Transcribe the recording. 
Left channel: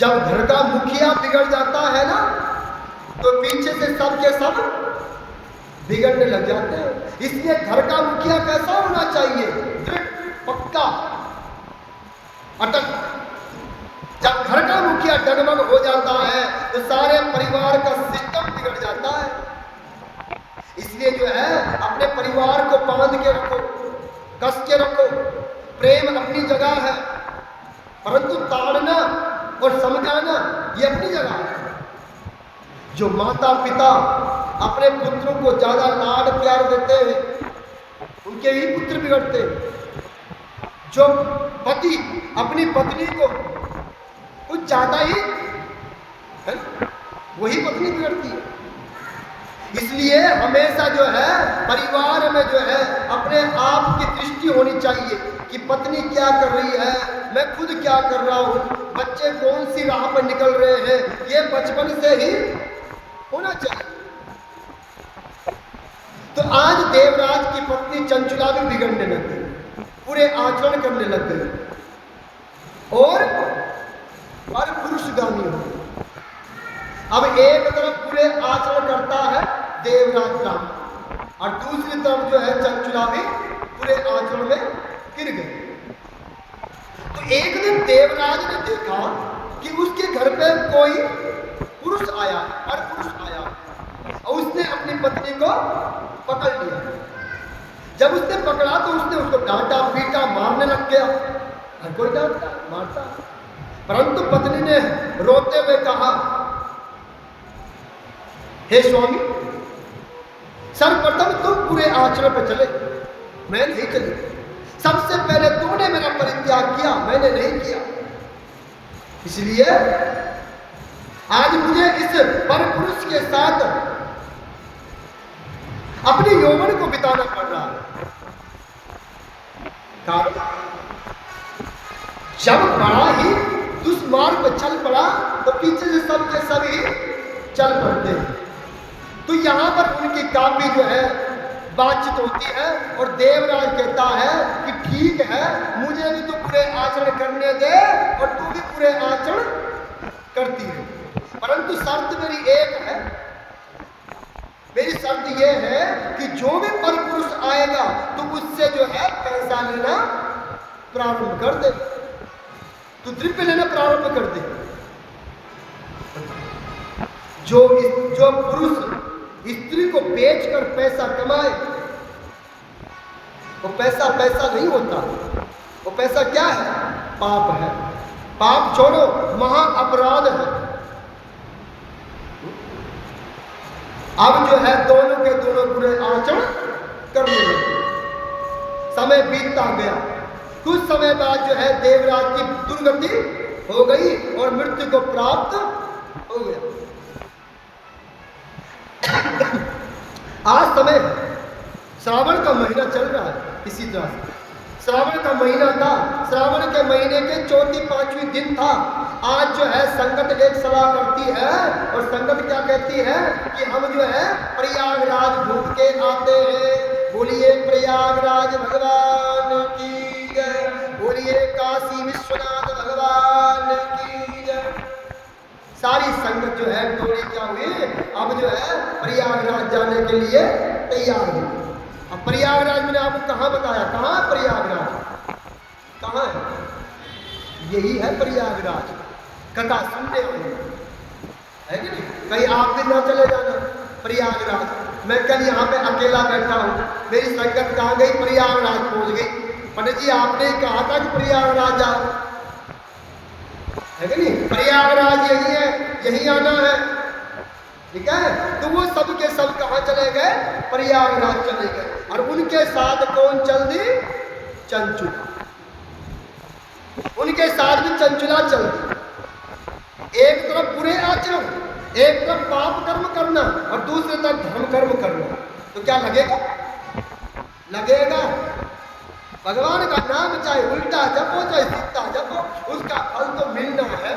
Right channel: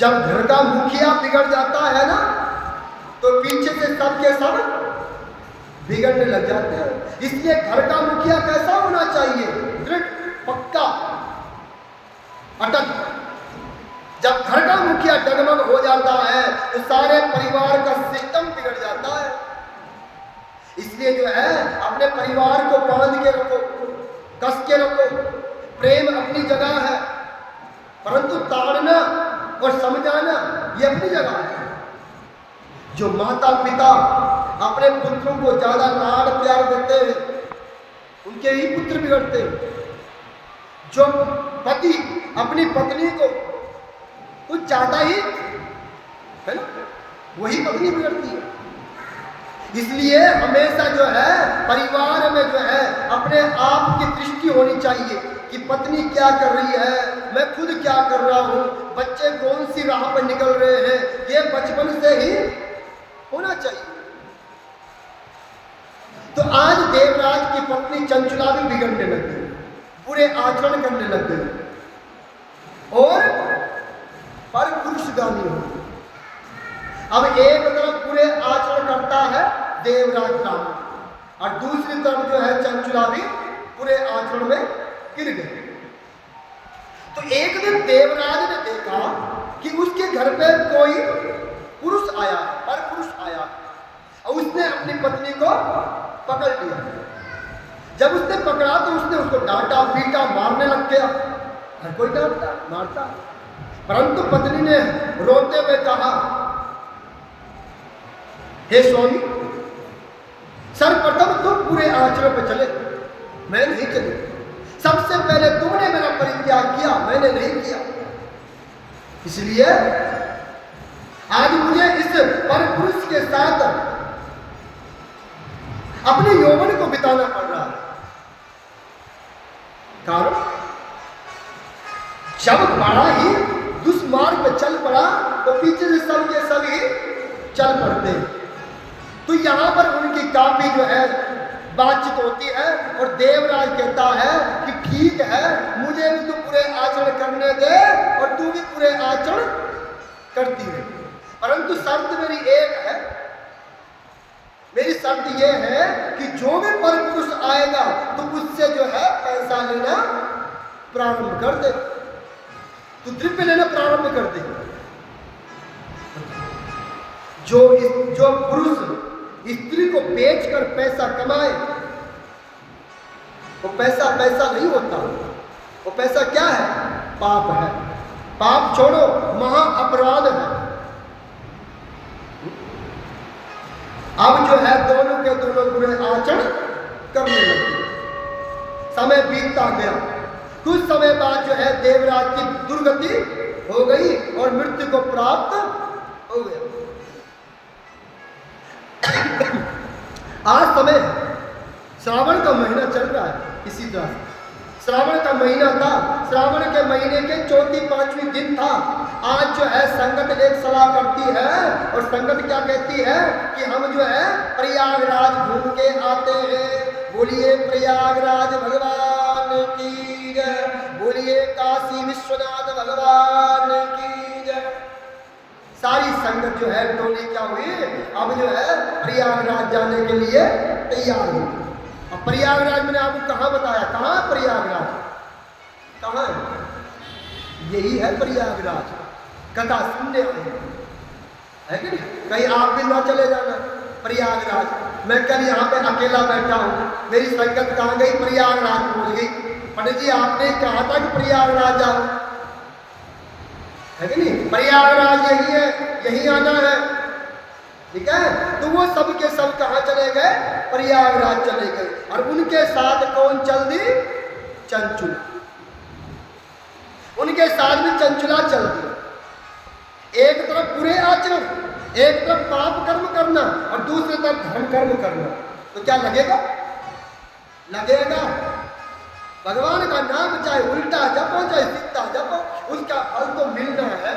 जब घर का मुखिया बिगड़ जाता है ना, तो पीछे से सब के सब बिगड़ने लग जाते हैं। इसलिए घर का मुखिया कैसा होना चाहिए? दृढ़, पक्का, अटल। जब घर का मुखिया डगमग हो जाता है तो सारे परिवार का सिस्टम बिगड़ जाता है। इसलिए जो है अपने परिवार को बांध के रखो, कस के रखो। प्रेम अपनी जगह है, परंतु ताड़ना और समझाना ये अपनी जगह है। जो माता पिता अपने पुत्रों को ज्यादा लाड प्यार देते हैं, उनके ही पुत्र बिगड़ते हैं। जो पति अपनी पत्नी को कुछ ज्यादा ही है ना, वही पत्नी बिगड़ती है। इसलिए हमेशा जो है परिवार में जो है अपने आप की दृष्टि होनी चाहिए कि पत्नी क्या कर रही है, मैं खुद क्या कर रहा हूं, बच्चे कौन सी राह पर निकल रहे हैं, ये बचपन से ही होना चाहिए। तो आज देवराज की पत्नी चंचला भी बिगड़ने लग गई, पूरे आचरण करने लग गई और पर पुरुषगामी हो गई। अब एक तरफ पूरे आचरण करता है देवराज राम, और दूसरी तरफ जो है चंचला भी पूरे आचरण में गिर गए। तो एक दिन देवराज ने देखा कि उसके घर पे कोई पुरुष आया है, पर पुरुष आया है, और उसने अपनी पत्नी को पकड़ लिया। जब उसने पकड़ा तो उसने उसको डांटा पीटा, मारने लग गया। हर कोई डांटता मारता, परंतु पत्नी ने रोते हुए कहा, हे स्वामी, सर्वप्रथम तुम पूरे आचरण पर चले, मैं नहीं चली। सबसे पहले तुमने मेरा परित्याग किया, मैंने नहीं किया। इसलिए आज मुझे इस परपुरुष के साथ अपने यौवन को बिताना पड़ रहा है। कारण जब बड़ा ही दुष्मार्ग पे चल पड़ा तो पीछे से सब के सभी चल पड़ते हैं। तो यहां पर उनकी काफी जो है बातचीत होती है और देवराज कहता है कि ठीक है, मुझे भी तो पूरे आचरण करने दे और तू भी पूरे आचरण करती है, परंतु शर्त मेरी एक है। मेरी शर्त यह है कि जो भी परपुरुष आएगा तो उससे जो है पैसा लेना प्रारंभ कर दे, तो द्रव्य लेना प्रारंभ कर दे। जो पुरुष स्त्री को बेचकर पैसा कमाए, वो पैसा नहीं होता, वो पैसा क्या है? पाप है। पाप छोड़ो, महा अपराध है। अब जो है दोनों के दोनों बुरे आचरण करने लगे। समय बीतता गया। कुछ समय बाद जो है देवराज की दुर्गति हो गई और मृत्यु को प्राप्त हो गया। आज समय श्रावण का महीना चल रहा है। इसी तरह से श्रावण का महीना था, श्रावण के महीने के चौथी पांचवी दिन था। आज जो है संगत एक सलाह करती है और संगत क्या कहती है कि हम जो है प्रयागराज घूम के आते हैं। बोलिए प्रयागराज भगवान की जय, बोलिए काशी विश्वनाथ भगवान की जय। सारी संगत जो है टोली क्या हुई, अब जो है प्रयागराज जाने के लिए तैयार हुई। अब प्रयागराज मैंने आपको कहाँ बताया, कहाँ प्रयागराज, कहाँ है? यही है प्रयागराज। कथा सुनने आए है कि नहीं? कहीं आप भी ना चले जाना प्रयागराज। मैं कल यहाँ पे अकेला बैठा हूँ, मेरी संगत कहाँ गई? प्रयागराज पहुँच गई। पंडित जी आपने कहा था कि प्रयागराज जाओ, है कि नहीं? प्रयागराज यही है, यही आना है, ठीक है? तो वो सब के सब कहाँ चले गए? प्रयागराज चले गए। और उनके साथ कौन चल दी? चंचुला। उनके साथ भी चंचुला चल दी। एक तरफ बुरे आचरण, एक तरफ पाप कर्म करना और दूसरी तरफ धर्म कर्म करना, तो क्या लगेगा? लगेगा। भगवान का नाम चाहे उल्टा जपो चाहे सीधा जपो, उसका फल तो मिलना है।